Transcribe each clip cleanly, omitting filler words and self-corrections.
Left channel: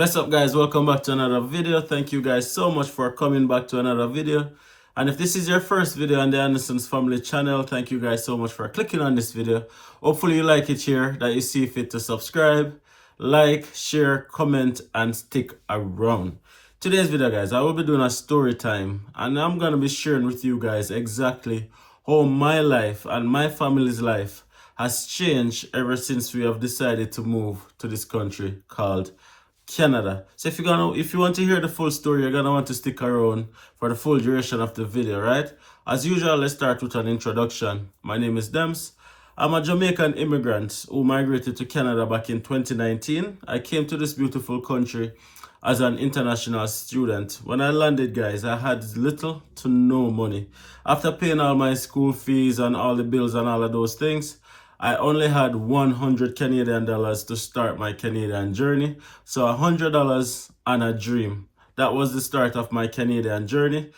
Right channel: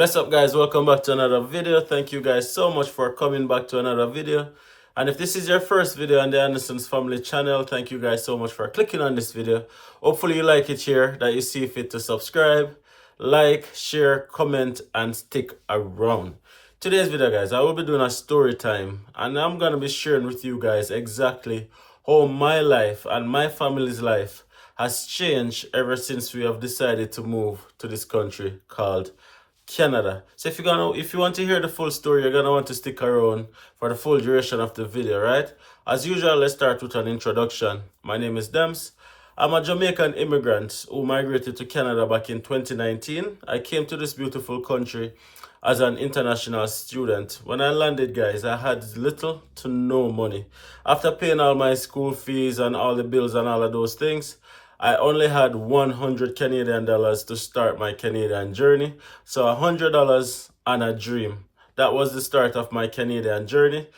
Bless up, guys. Welcome back to another video. Thank you guys so much for coming back to another video. And if this is your first video on the Anderson's Family channel, thank you guys so much for clicking on this video. Hopefully you like it here, that you see fit to subscribe, like, share, comment, and stick around. Today's video, guys, I will be doing a story time, and I'm going to be sharing with you guys exactly how my life and my family's life has changed ever since we have decided to move to this country called Canada. So if you want to hear the full story, you're gonna want to stick around for the full duration of the video, right? As usual, let's start with an introduction. My name is Dems. I'm a Jamaican immigrant who migrated to Canada back in 2019. I came to this beautiful country as an international student. When I landed, guys, I had little to no money. After paying all my school fees and all the bills and all of those things, I only had 100 Canadian dollars to start my Canadian journey. So $100 and a dream. That was the start of my Canadian journey.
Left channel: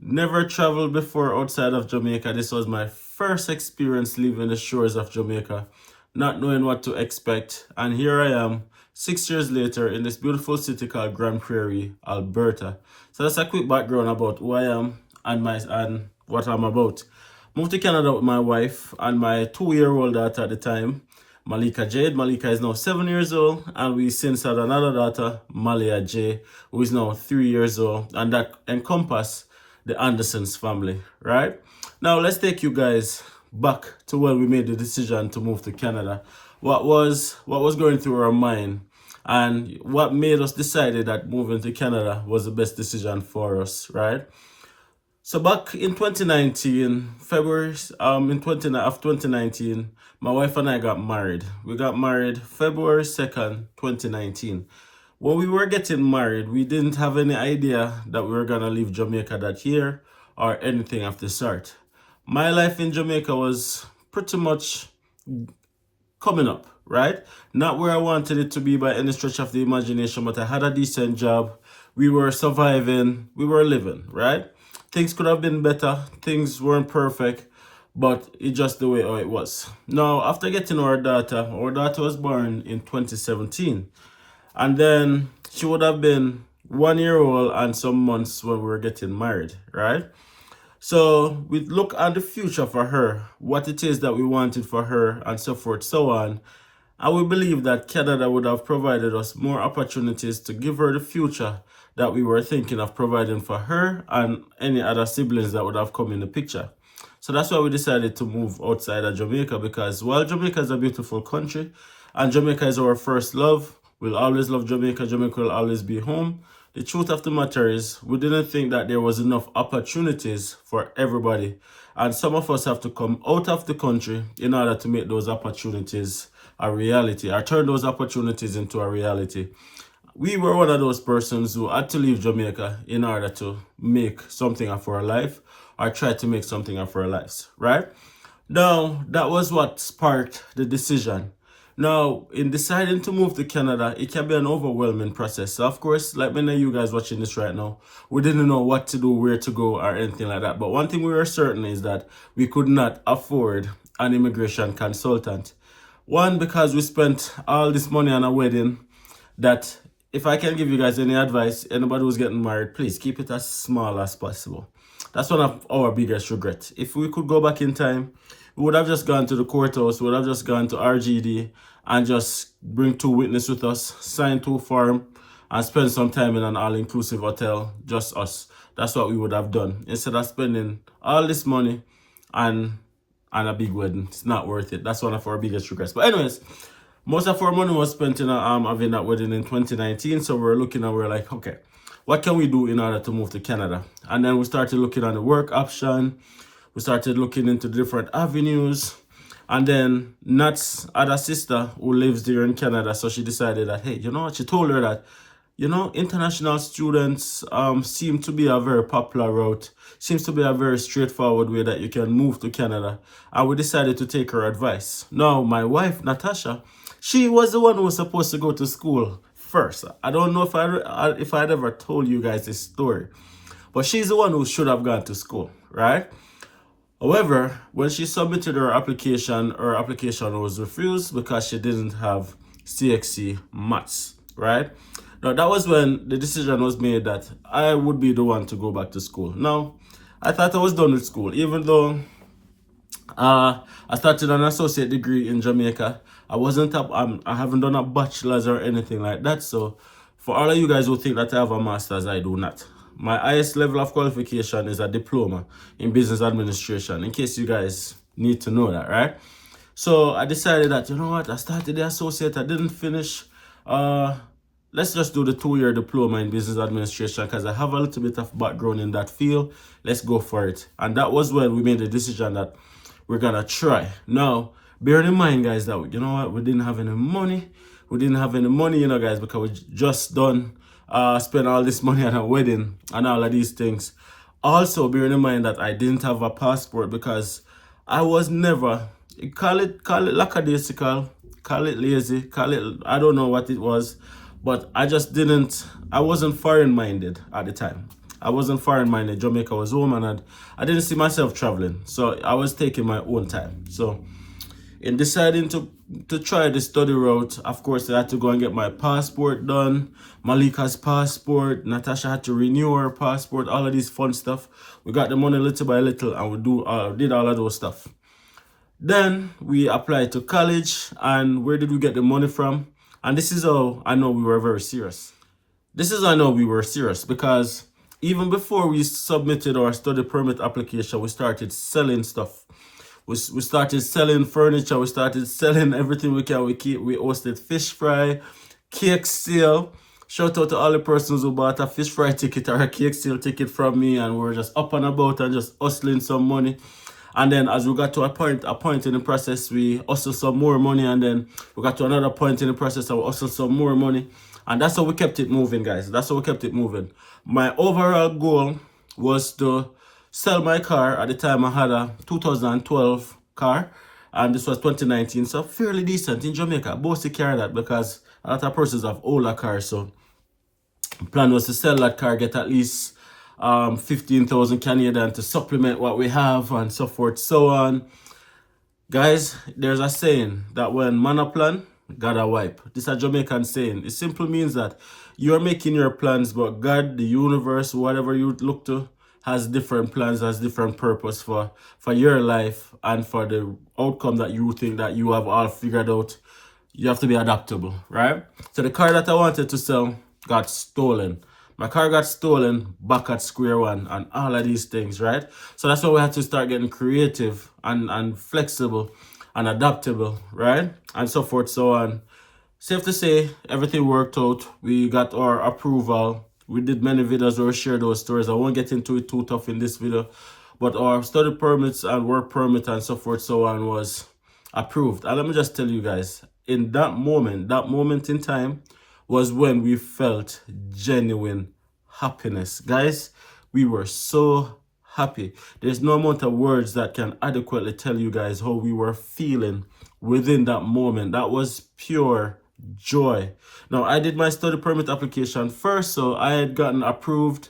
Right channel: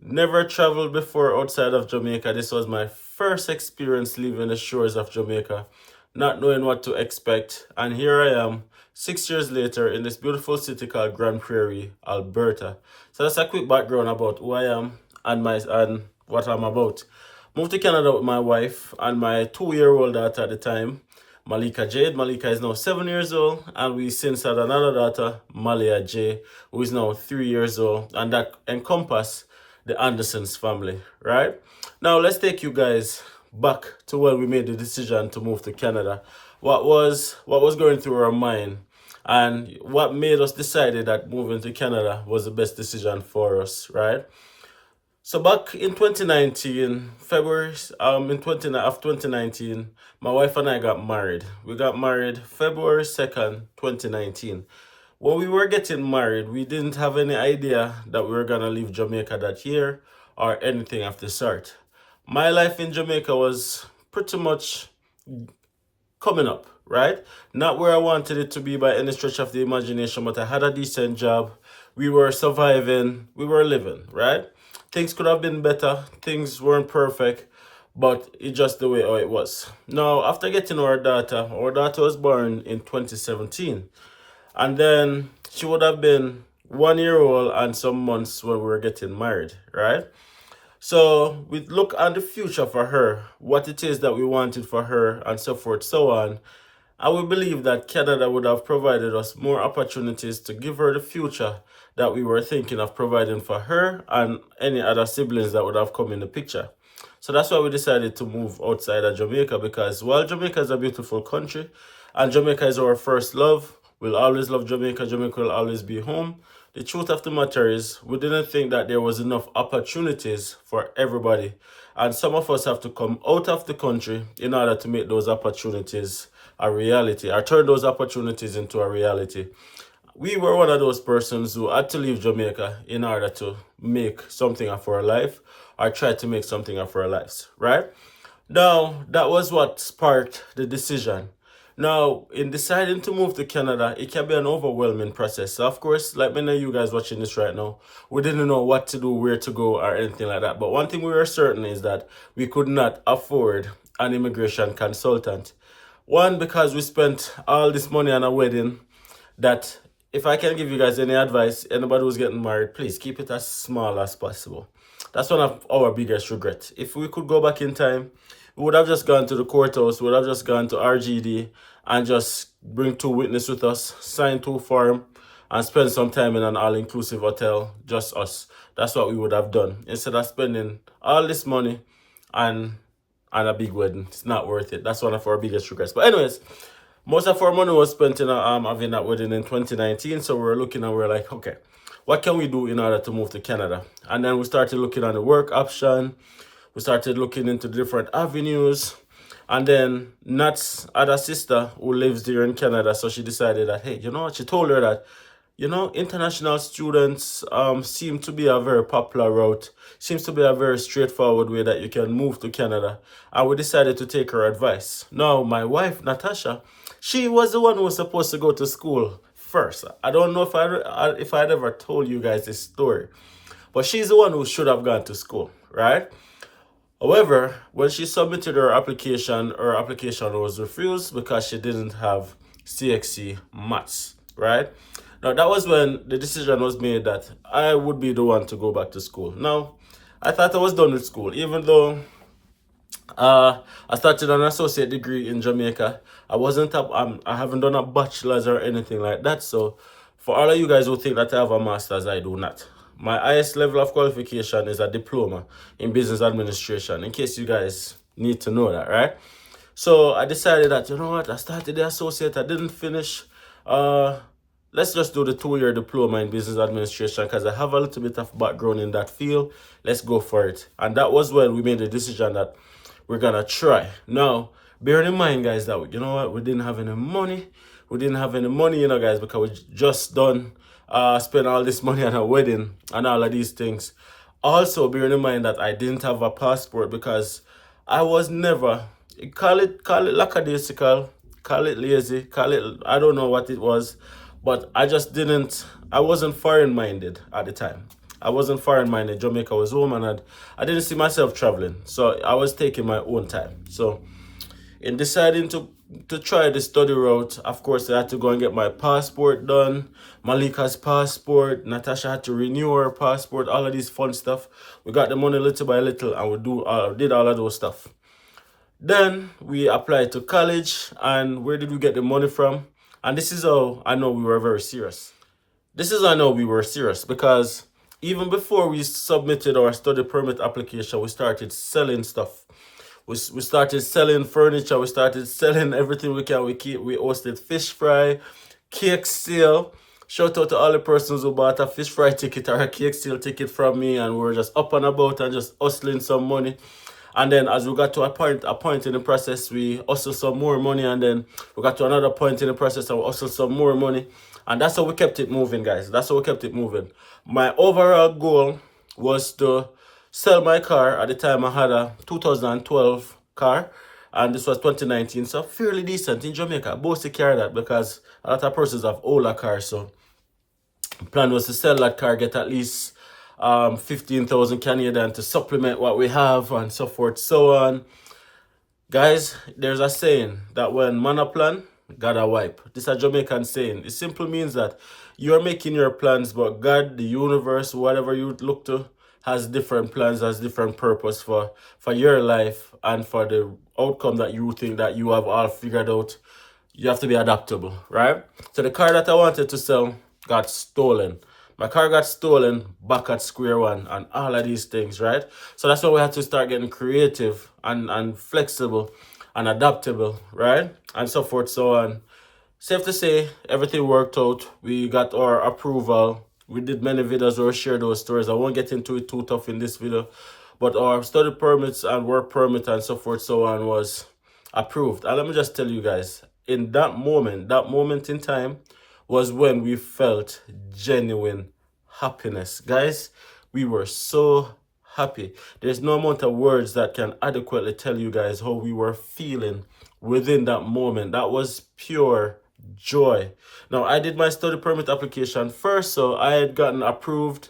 Never traveled before outside of Jamaica. This was my first experience leaving the shores of Jamaica, not knowing what to expect. And here I am, 6 years later, in this beautiful city called Grand Prairie, Alberta. So that's a quick background about who I am and what I'm about. Moved to Canada with my wife and my 2-year-old daughter at the time, Malika Jade. Malika is now 7 years old, and we since had another daughter, Malia J, who is now 3 years old, and that encompass the Andersons family, right? Now let's take you guys back to when we made the decision to move to Canada. What was going through our mind, and what made us decided that moving to Canada was the best decision for us, right? So back in 2019, February of 2019, my wife and I got married. We got married February 2nd, 2019. When we were getting married, we didn't have any idea that we were going to leave Jamaica that year or anything of the sort. My life in Jamaica was pretty much coming up, right? Not where I wanted it to be by any stretch of the imagination, but I had a decent job. We were surviving, we were living, right? Things could have been better. Things weren't perfect, but it's just the way how it was. Now, after getting our daughter was born in 2017. And then she would have been 1 year old and some months when we were getting married, right? So we look at the future for her, what it is that we wanted for her, and so forth, so on. And we believe that Canada would have provided us more opportunities to give her the future that we were thinking of providing for her and any other siblings that would have come in the picture. So that's why we decided to move outside of Jamaica, because while Jamaica is a beautiful country and Jamaica is our first love, we'll always love Jamaica, Jamaica will always be home. The truth of the matter is, we didn't think that there was enough opportunities for everybody. And some of us have to come out of the country in order to make those opportunities a reality, or turn those opportunities into a reality. We were one of those persons who had to leave Jamaica in order to make something of our life, or try to make something of our lives, right? Now, that was what sparked the decision. Now, in deciding to move to Canada, it can be an overwhelming process. So, of course, like many of you guys watching this right now, we didn't know what to do, where to go, or anything like that. But one thing we were certain is that we could not afford an immigration consultant. One, because we spent all this money on a wedding that, if I can give you guys any advice, anybody who's getting married, please keep it as small as possible. That's one of our biggest regrets. If we could go back in time, we would have just gone to the courthouse, we would have just gone to RGD and just bring 2 witnesses with us, sign 2 forms, and spend some time in an all-inclusive hotel, just us. That's what we would have done. Instead of spending all this money and a big wedding. It's not worth it. That's one of our biggest regrets. But anyways, most of our money was spent in having that wedding in 2019. So we're looking and we're like, okay, what can we do in order to move to Canada? And then we started looking at the work option. We started looking into different avenues. And then Nat's other sister who lives there in Canada, so she decided that, hey, you know what? She told her that, you know, international students seem to be a very popular route. Seems to be a very straightforward way that you can move to Canada. And we decided to take her advice. Now, my wife, Natasha, she was the one who was supposed to go to school first. I don't know if I'd ever told you guys this story. But she's the one who should have gone to school, right? However, when she submitted her application was refused because she didn't have CXC maths, right? Now, that was when the decision was made that I would be the one to go back to school. Now, I thought I was done with school, even though I started an associate degree in Jamaica. I wasn't up. I haven't done a bachelor's or anything like that. So, for all of you guys who think that I have a master's, I do not. My highest level of qualification is a diploma in business administration. In case you guys need to know that, right? So I decided that, you know what, I started the associate, I didn't finish. Let's just do the 2-year diploma in business administration because I have a little bit of background in that field. Let's go for it. And that was when we made the decision that we're gonna try. Now, bearing in mind, guys, that, you know what, we didn't have any money. We didn't have any money, you know, guys, because we just done spend all this money on a wedding and all of these things. Also, bearing in mind that I didn't have a passport because I was never, call it lackadaisical, call it lazy, call it, I don't know what it was, but I wasn't foreign minded at the time. I wasn't foreign minded. Jamaica was home and I didn't see myself traveling. So I was taking my own time. So in deciding to try the study route, of course, I had to go and get my passport done, Malika's passport, Natasha had to renew her passport, all of these fun stuff. We got the money little by little and we did all of those stuff. Then we applied to college, and where did we get the money from? And this is how I know we were very serious. This is how I know we were serious because even before we submitted our study permit application, we started selling stuff. We started selling furniture. We started selling everything we can. We hosted fish fry, cake sale. Shout out to all the persons who bought a fish fry ticket or a cake sale ticket from me, and we were just up and about and just hustling some money. And then as we got to a point in the process, we hustled some more money, and then we got to another point in the process and we hustled some more money. And that's how we kept it moving, guys. That's how we kept it moving. My overall goal was to sell my car. At the time, I had a 2012 car, and this was 2019, so fairly decent in Jamaica. Both to carry that because a lot of persons have older cars, so the plan was to sell that car, get at least 15,000 Canadian to supplement what we have and so forth, so on. Guys, there's a saying that when man a plan, God a wipe. This is a Jamaican saying. It simply means that you're making your plans, but God, the universe, whatever you look to, has different plans, has different purpose for your life and for the outcome that you think that you have all figured out. You have to be adaptable, right? So the car that I wanted to sell got stolen. My car got stolen back at square one and all of these things, right? So that's why we had to start getting creative and flexible and adaptable, right? And so forth, so on. Safe to say, everything worked out. We got our approval. We did many videos where we share those stories. I won't get into it too tough in this video. But our study permits and work permit and so forth, so on was approved. And let me just tell you guys, in that moment in time was when we felt genuine happiness. Guys, we were so happy. There's no amount of words that can adequately tell you guys how we were feeling within that moment. That was pure joy. Now, I did my study permit application first, so I had gotten approved.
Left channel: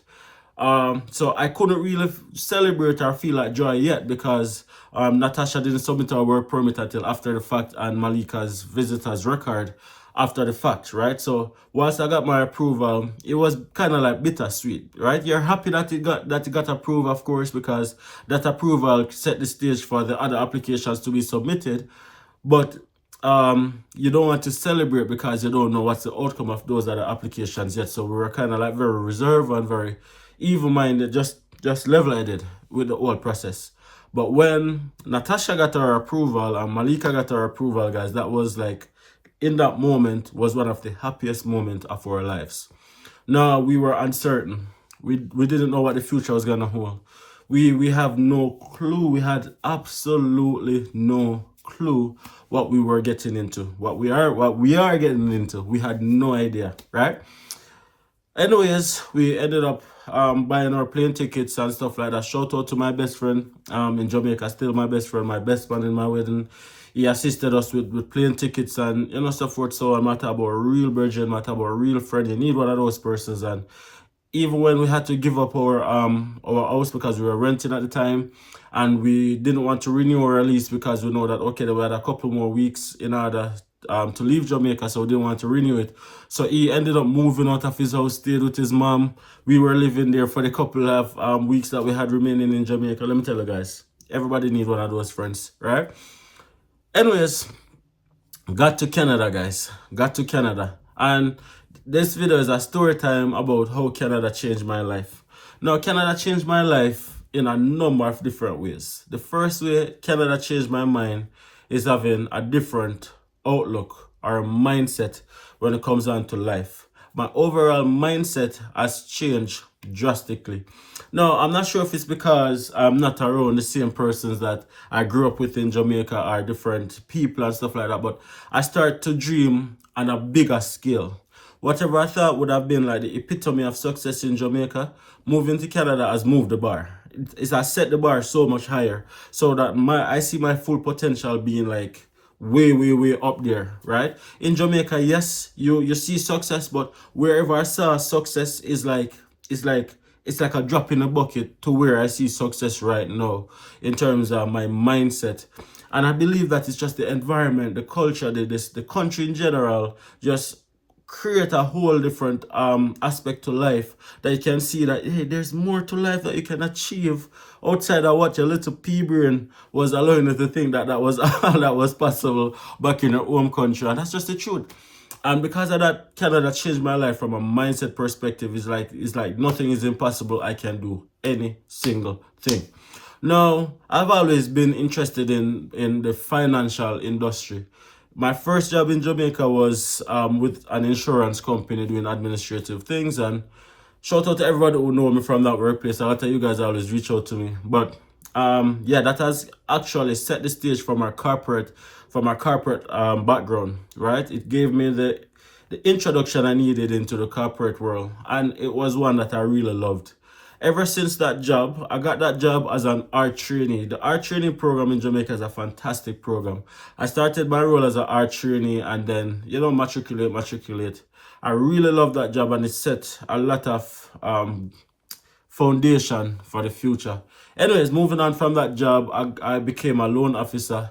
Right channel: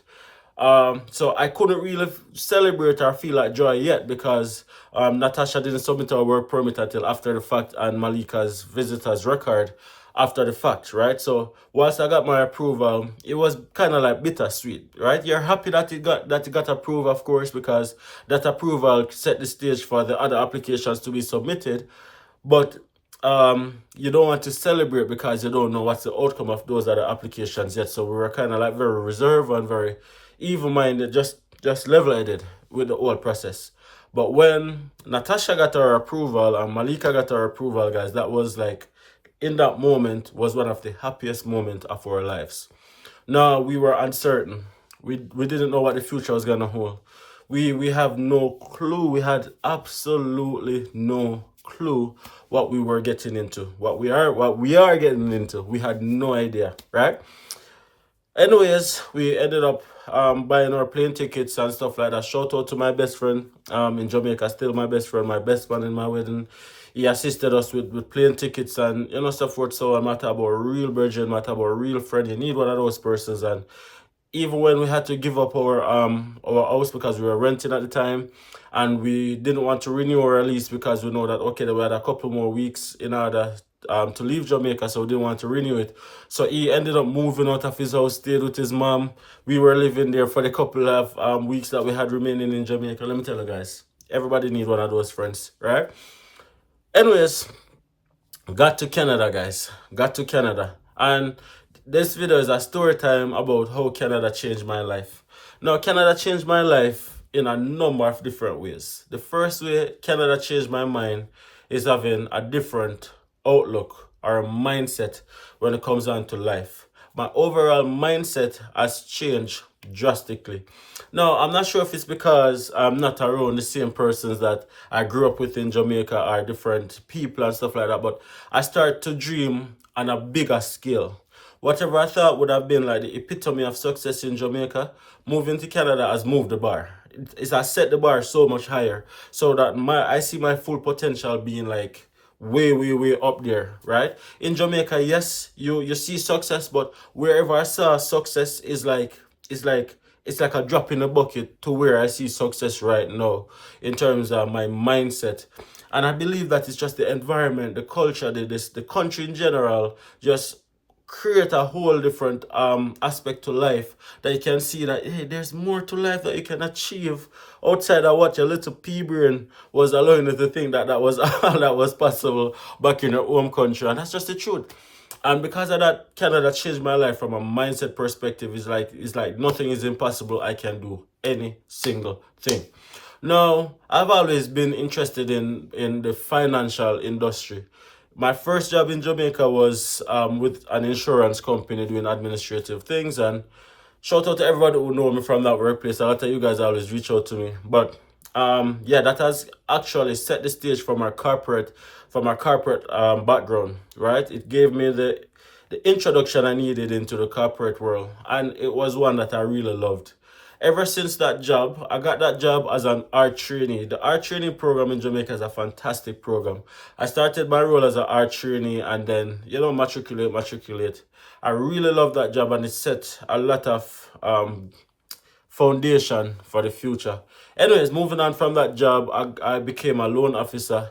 So I couldn't really celebrate or feel like joy yet because Natasha didn't submit her work permit until after the fact, and Malika's visitor's record after the fact, right? So whilst I got my approval, it was kind of like bittersweet, right? You're happy that it got approved, of course, because that approval set the stage for the other applications to be submitted, but you don't want to celebrate because you don't know what's the outcome of those other applications yet. So we were kind of like very reserved and very even-minded, just level-headed with the whole process. But when Natasha got her approval and Malika got her approval, guys, that was like, in that moment was one of the happiest moments of our lives. Now, we were uncertain. We didn't know what the future was gonna hold. We have no clue. We had absolutely no clue what we were getting into, what we are getting into. We had no idea, right? Anyways, we ended up buying our plane tickets and stuff like that. Shout out to my best friend in Jamaica, still my best friend, my best man in my wedding. He assisted us with plane tickets and, you know, stuff forth. So I matter about a real virgin, matter about a real friend. You need one of those persons. And even when we had to give up our house because we were renting at the time, and we didn't want to renew our lease because we know that, okay, we had a couple more weeks in order to leave Jamaica, so didn't want to renew it. So he ended up moving out of his house, stayed with his mom. We were living there for the couple of weeks that we had remaining in Jamaica. Let me tell you guys, everybody need one of those friends, right? Anyways, got to Canada, guys. Got to Canada. And this video is a story time about how Canada changed my life. Now, Canada changed my life in a number of different ways. The first way Canada changed my mind is having a different outlook or a mindset when it comes down to life. My overall mindset has changed drastically. Now, I'm not sure if it's because I'm not around the same persons that I grew up with in Jamaica or different people and stuff like that, but I start to dream on a bigger scale. Whatever I thought would have been like the epitome of success in Jamaica, moving to Canada has moved the bar. It has set the bar so much higher, so that I see my full potential being like way up there, right? In Jamaica, yes, you see success, but wherever I saw success it's like it's like a drop in a bucket to where I see success right now in terms of my mindset. And I believe that it's just the environment, the culture, the country in general, just create a whole different aspect to life, that you can see that, hey, there's more to life that you can achieve outside of what your little pea brain was allowing you to think that was all that was possible back in your home country. And that's just the truth. And because of that, Canada changed my life from a mindset perspective. It's like nothing is impossible. I can do any single thing. Now, I've always been interested in the financial industry. My first job in Jamaica was with an insurance company doing administrative things. And shout out to everybody who know me from that workplace. A lot of you guys always reach out to me. But yeah, that has actually set the stage for my corporate background, right? It gave me the introduction I needed into the corporate world, and it was one that I really loved. Ever since that job, I got that job as an art trainee. The art training program in Jamaica is a fantastic program. I started my role as an art trainee and then, matriculate. I really love that job, and it set a lot of foundation for the future. Anyways, moving on from that job, I became a loan officer.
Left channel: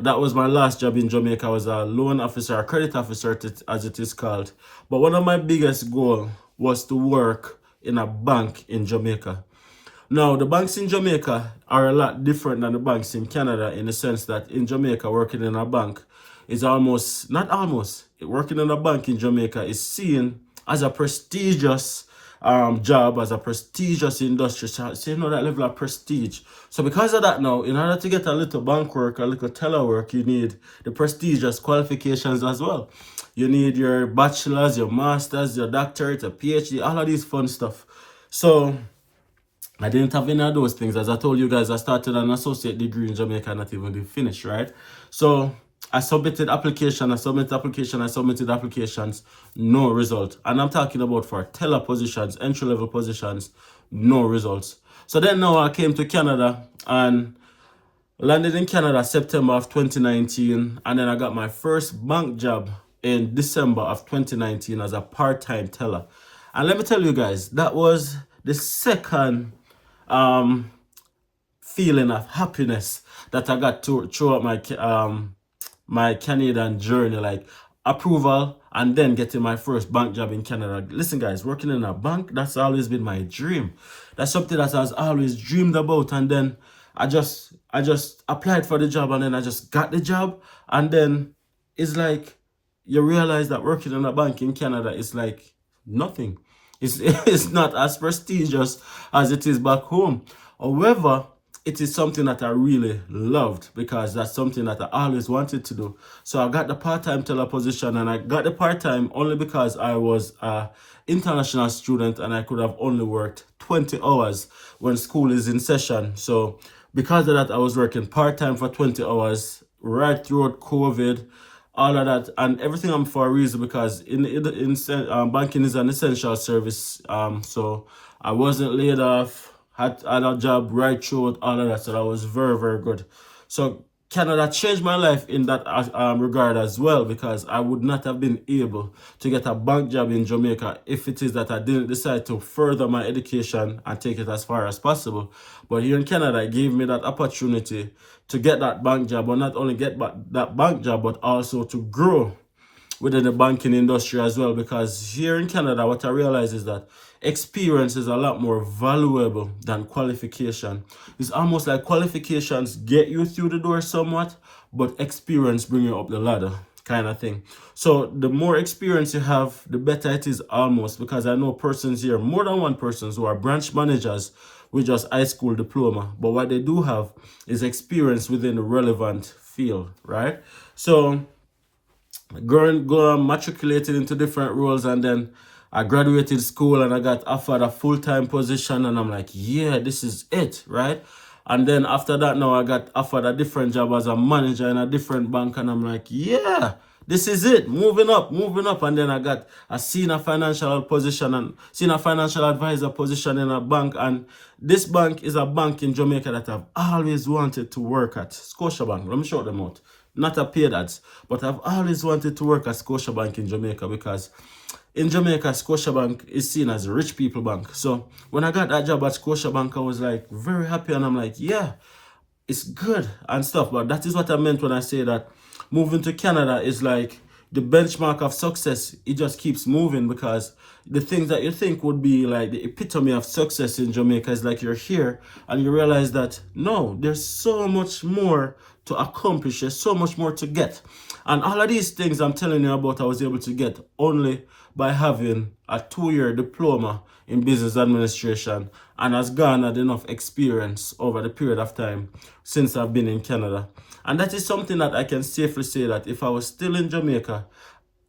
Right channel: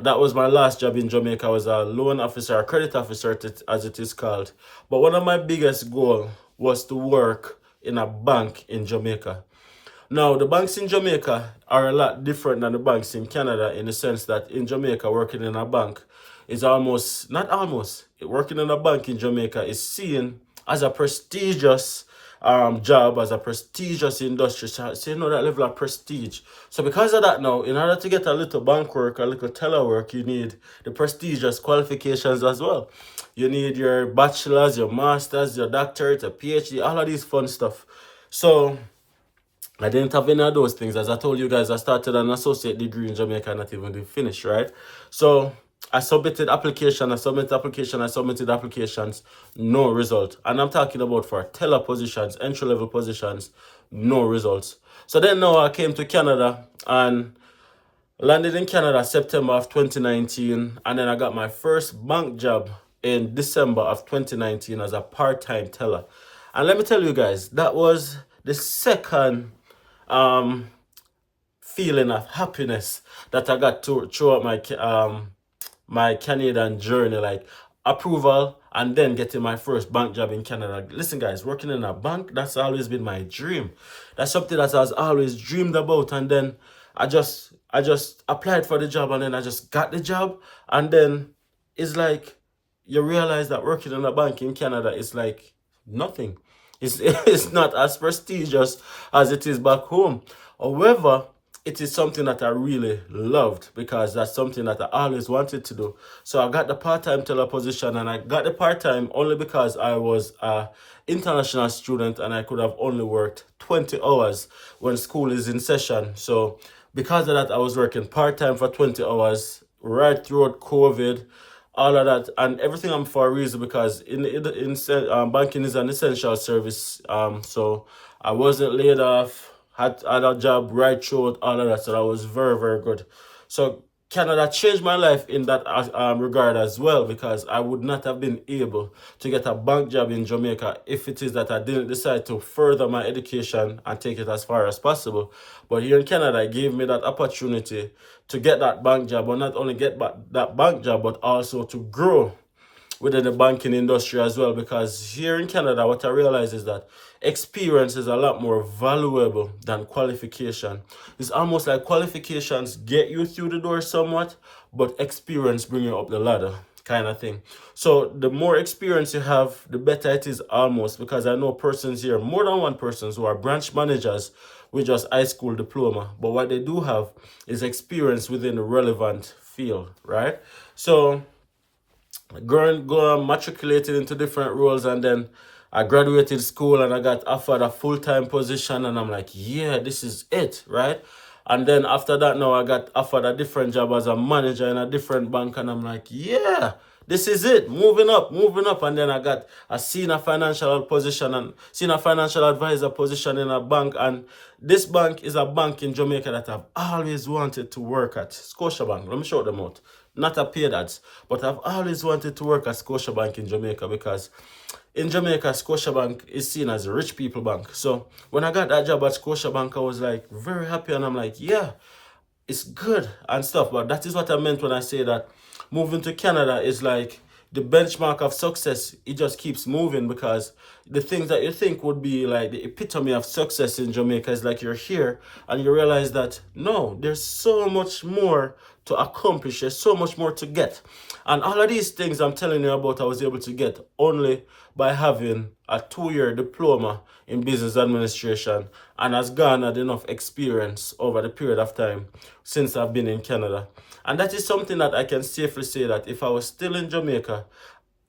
That was my last job in Jamaica. I was a loan officer, a credit officer, as it is called. But one of my biggest goals was to work in a bank in Jamaica. Now, the banks in Jamaica are a lot different than the banks in Canada, in the sense that in Jamaica, working in a bank is working in a bank in Jamaica is seen as a prestigious job, as a prestigious industry. So you know that level of prestige. So because of that now, in order to get a little bank work, a little teller work, you need the prestigious qualifications as well. You need your bachelor's, your master's, your doctorate, a PhD, all of these fun stuff. So I didn't have any of those things. As I told you guys, I started an associate degree in Jamaica, not even did finish, right? So I submitted applications, no result. And I'm talking about for teller positions, entry-level positions, no results. So then now I came to Canada and landed in Canada September of 2019. And then I got my first bank job in December of 2019 as a part-time teller. And let me tell you guys, that was the second feeling of happiness that I got throughout my Canadian journey, like approval and then getting my first bank job in Canada. Listen, guys, working in a bank, that's always been my dream. That's something that I was always dreamed about. And then I just applied for the job, and then I just got the job. And then it's like you realize that working in a bank in Canada is like nothing. It's not as prestigious as it is back home. However, it is something that I really loved, because that's something that I always wanted to do. So I got the part-time teller position, and I got the part-time only because I was an international student and I could have only worked 20 hours when school is in session. So because of that, I was working part-time for 20 hours right throughout COVID, all of that, and everything I'm for a reason, because banking is an essential service. So I wasn't laid off, had a job right throughout all of that, so that was very good. So Canada changed my life in that regard as well, because I would not have been able to get a bank job in Jamaica if it is that I didn't decide to further my education and take it as far as possible. But here in Canada, it gave me that opportunity to get that bank job, or not only get that bank job, but also to grow within the banking industry as well. Because here in Canada, what I realize is that experience is a lot more valuable than qualification. It's almost like qualifications get you through the door somewhat, but experience bring you up the ladder, kind of thing. So the more experience you have, the better it is, almost, because I know persons here, more than one persons, who are branch managers with just high school diploma, but what they do have is experience within the relevant field, right? So going matriculated into different roles, and then I graduated school and I got offered a full-time position, and I'm like, yeah, this is it, right? And then after that, now I got offered a different job as a manager in a different bank, and I'm like, yeah, this is it, moving up. And then I got a senior financial position and senior financial advisor position in a bank. And this bank is a bank in Jamaica that I've always wanted to work at, Scotiabank. Let me show them out. Not a paid ads, but I've always wanted to work at Scotiabank in Jamaica, because in Jamaica, Scotiabank is seen as a rich people bank. So when I got that job at Scotiabank, I was like very happy, and I'm like, yeah, it's good and stuff. But that is what I meant when I say that moving to Canada is like the benchmark of success. It just keeps moving, because the things that you think would be like the epitome of success in Jamaica is like you're here and you realize that no, there's so much more to accomplish, there's so much more to get. And all of these things I'm telling you about, I was able to get only by having a 2-year diploma in business administration, and has garnered enough experience over the period of time since I've been in Canada. And that is something that I can safely say that if I was still in Jamaica,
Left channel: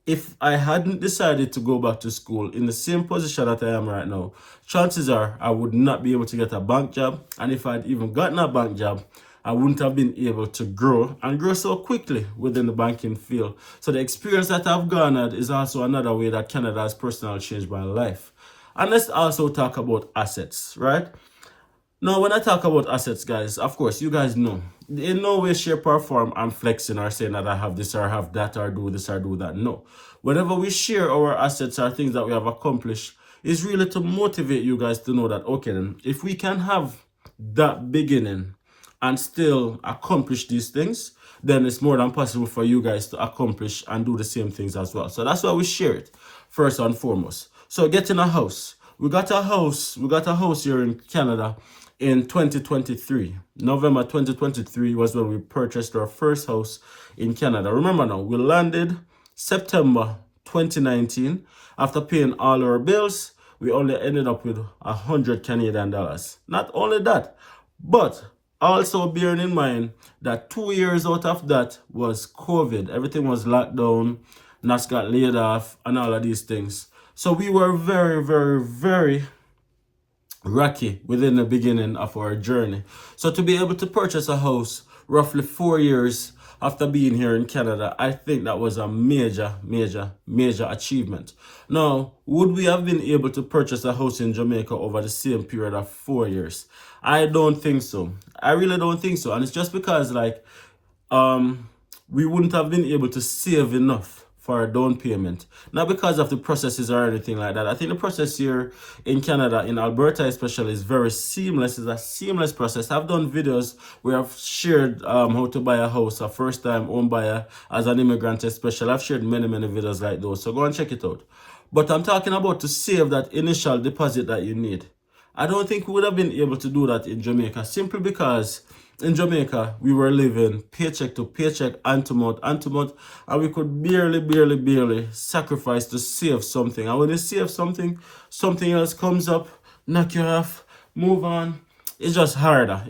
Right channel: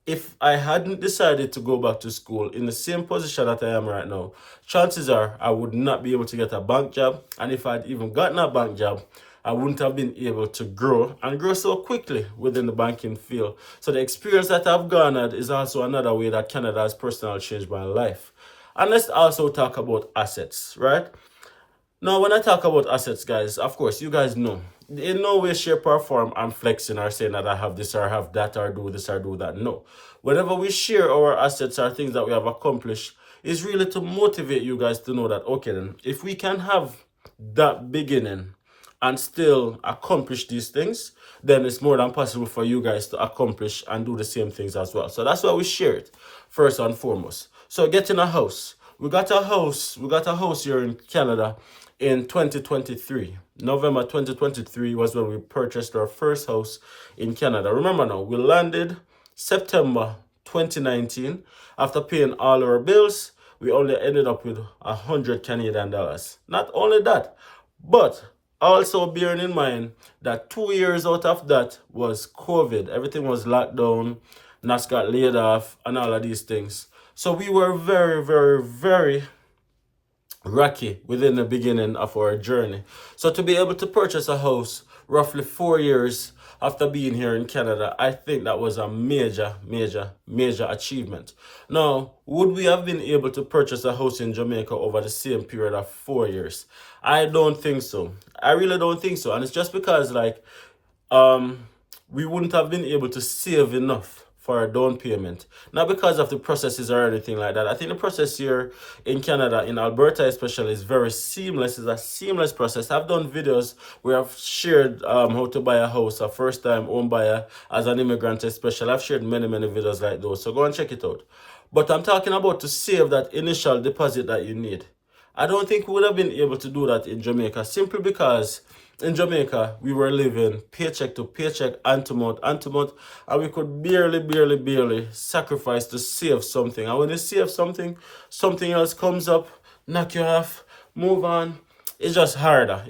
if I hadn't decided to go back to school in the same position that I am right now, chances are I would not be able to get a bank job. And if I'd even gotten a bank job, I wouldn't have been able to grow and grow so quickly within the banking field. So the experience that I've garnered is also another way that Canada has personally changed my life. And let's also talk about assets, right? Now, when I talk about assets, guys, of course, you guys know, in no way, shape, or form, I'm flexing or saying that I have this or have that or do this or do that. No. Whenever we share our assets or things that we have accomplished, is really to motivate you guys to know that, okay, then, if we can have that beginning and still accomplish these things, then it's more than possible for you guys to accomplish and do the same things as well. So that's why we share it, first and foremost. So getting a house. We got a house here in Canada in 2023. November 2023 was when we purchased our first house in Canada. Remember now, we landed September 2019. After paying all our bills, we only ended up with 100 Canadian dollars. Not only that, but also bearing in mind that 2 years out of that was COVID. Everything was locked down, Nas got laid off, and all of these things. So we were very, very, very rocky within the beginning of our journey. So to be able to purchase a house roughly 4 years after being here in Canada, I think that was a major, major, major achievement. Now, would we have been able to purchase a house in Jamaica over the same period of 4 years? I don't think so. I really don't think so. And it's just because we wouldn't have been able to save enough for a down payment. Not because of the processes or anything like that. I think the process here in Canada, in Alberta especially, is very seamless. It's a seamless process. I've done videos where I've shared how to buy a house, a first-time home buyer as an immigrant especially. I've shared many, many videos like those. So go and check it out. But I'm talking about to save that initial deposit that you need. I don't think we would have been able to do that in Jamaica, simply because in Jamaica, we were living paycheck to paycheck, hand to mouth, and we could barely sacrifice to save something. And when you save something, something else comes up, knock you off, move on. It's just harder.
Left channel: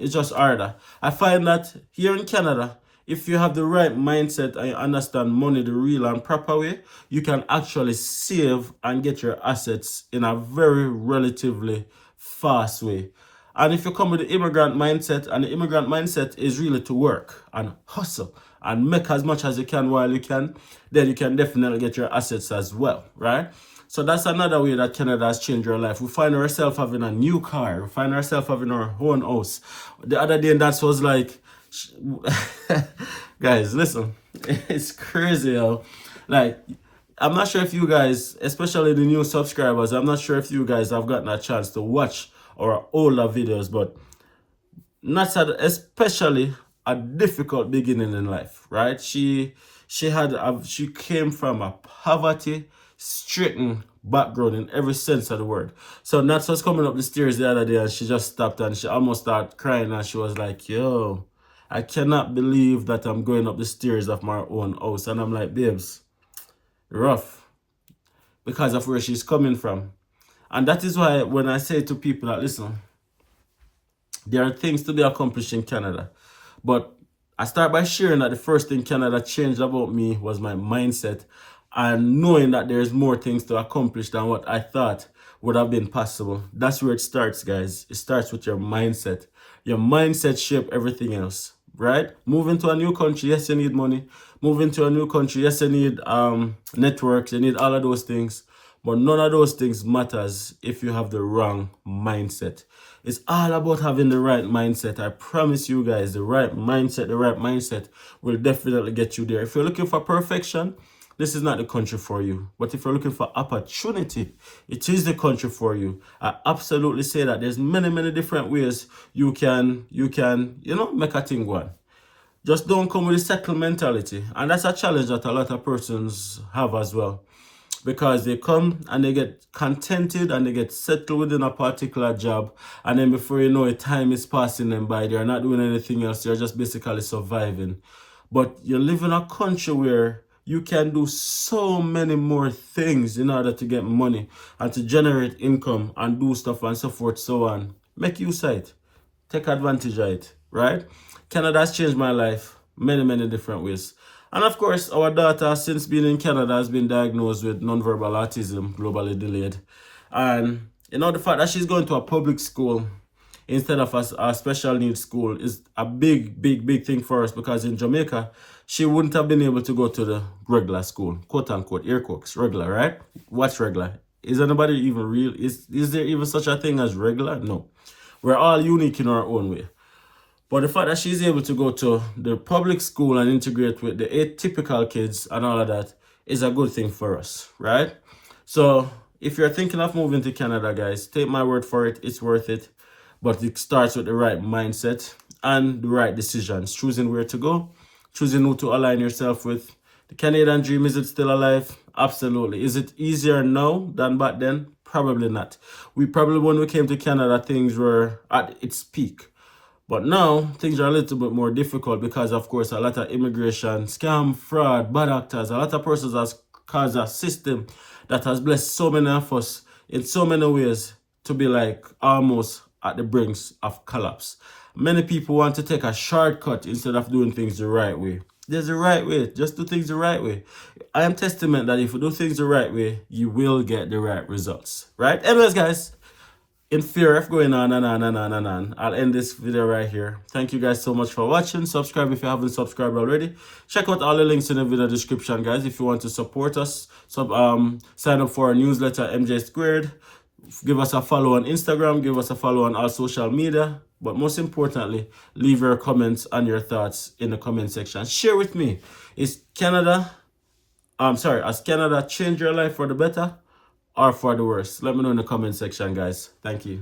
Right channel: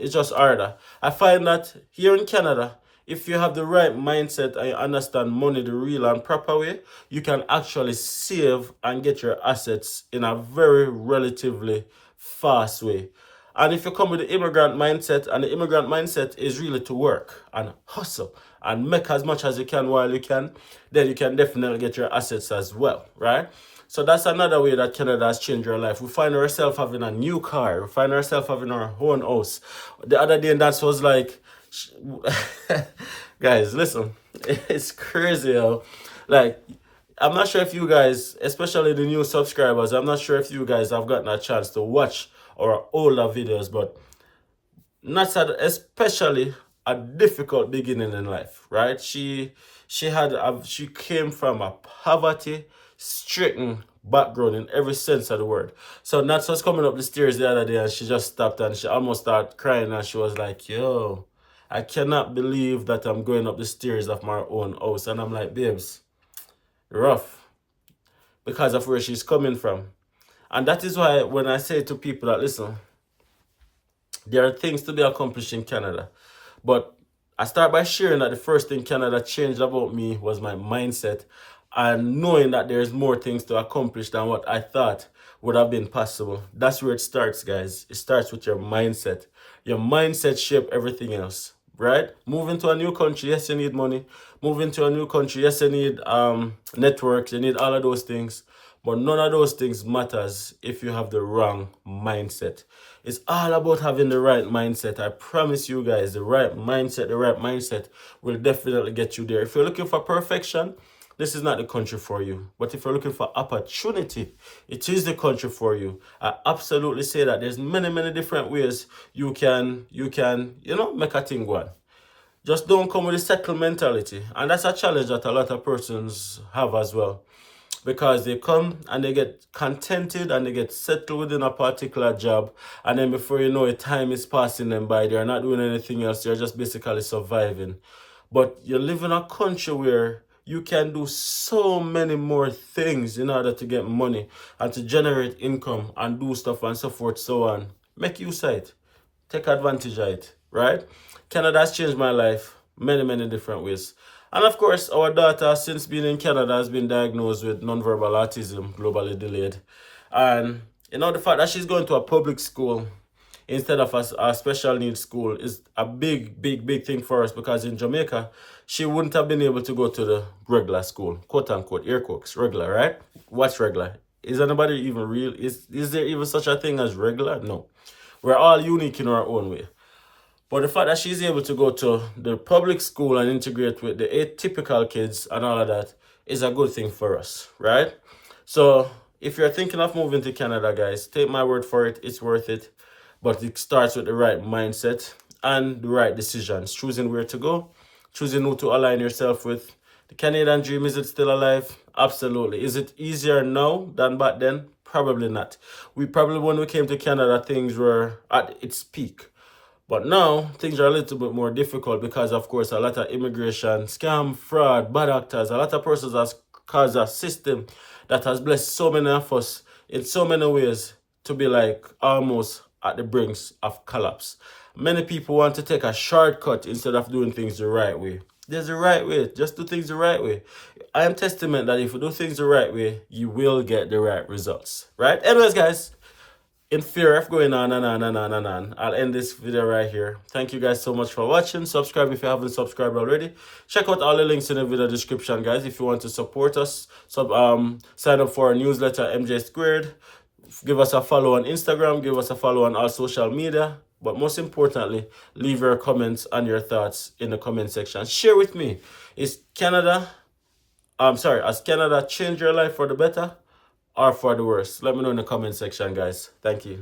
I find that here in Canada, if you have the right mindset and you understand money the real and proper way, you can actually save and get your assets in a very relatively fast way. And if you come with the immigrant mindset, and the immigrant mindset is really to work and hustle and make as much as you can while you can, then you can definitely get your assets as well, right? So that's another way that Canada has changed your life. We find ourselves having a new car. We find ourselves having our own house. The other day, that was like Guys, listen, it's crazy how, like, I'm not sure if you guys, especially the new subscribers, I'm not sure if you guys have gotten a chance to watch our older videos, but not sad, especially a difficult beginning in life, right? She came from a poverty stricken background in every sense of the word. So Nats was coming up the stairs the other day and she just stopped and she almost started crying and she was like, yo, I cannot believe that I'm going up the stairs of my own house. And I'm like, babes, rough, because of where she's coming from. And that is why when I say to people that, listen, there are things to be accomplished in Canada. But I start by sharing that the first thing Canada changed about me was my mindset and knowing that there's more things to accomplish than what I thought would have been possible. That's where it starts, guys. It starts with your mindset. Your mindset shapes everything else, right? Moving to a new country, yes, you need money. Moving to a new country, yes, you need networks, you need all of those things. But none of those things matters if you have the wrong mindset. It's all about having the right mindset. I promise you guys, the right mindset will definitely get you there. If you're looking for perfection, this is not the country for you. But if you're looking for opportunity, it is the country for you. I absolutely say that there's many different ways you can, make a thing go on. Just don't come with a settled mentality. And that's a challenge that a lot of persons have as well, because they come and they get contented and they get settled within a particular job, and then before you know it, time is passing them by. They're not doing anything else. They're just basically surviving. But you live in a country where you can do so many more things in order to get money and to generate income and do stuff and so forth, so on. Make use of it. Take advantage of it, right? Canada has changed my life many different ways. And of course, our daughter, since being in Canada, has been diagnosed with nonverbal autism, globally delayed. And the fact that she's going to a public school instead of a special needs school is a big thing for us, because in Jamaica, she wouldn't have been able to go to the regular school, quote unquote, air quotes, regular, right? What's regular? Is anybody even real? Is there even such a thing as regular? No. We're all unique in our own way. But the fact that she's able to go to the public school and integrate with the atypical kids and all of that is a good thing for us, right? So if you're thinking of moving to Canada, guys, take my word for it, it's worth it. But it starts with the right mindset and the right decisions, choosing where to go, choosing who to align yourself with. The Canadian dream, is it still alive? Absolutely. Is it easier now than back then? Probably not. When we came to Canada, things were at its peak. But now, things are a little bit more difficult because, of course, a lot of immigration, scam, fraud, bad actors, a lot of persons has caused a system that has blessed so many of us in so many ways to be like almost at the brinks of collapse. Many people want to take a shortcut instead of doing things the right way. There's a right way. Just do things the right way. I am testament that if you do things the right way, you will get the right results. Right? Anyways, guys, in fear of going on and on, I'll end this video right here. Thank you guys so much for watching. Subscribe if you haven't subscribed already. Check out all the links in the video description, guys, if you want to support us. Sign up for our newsletter, MJ Squared. Give us a follow on Instagram. Give us a follow on all social media. But most importantly, leave your comments and your thoughts in the comment section. Share with me. Has Canada changed your life for the better or for the worse? Let me know in the comment section, guys. Thank you.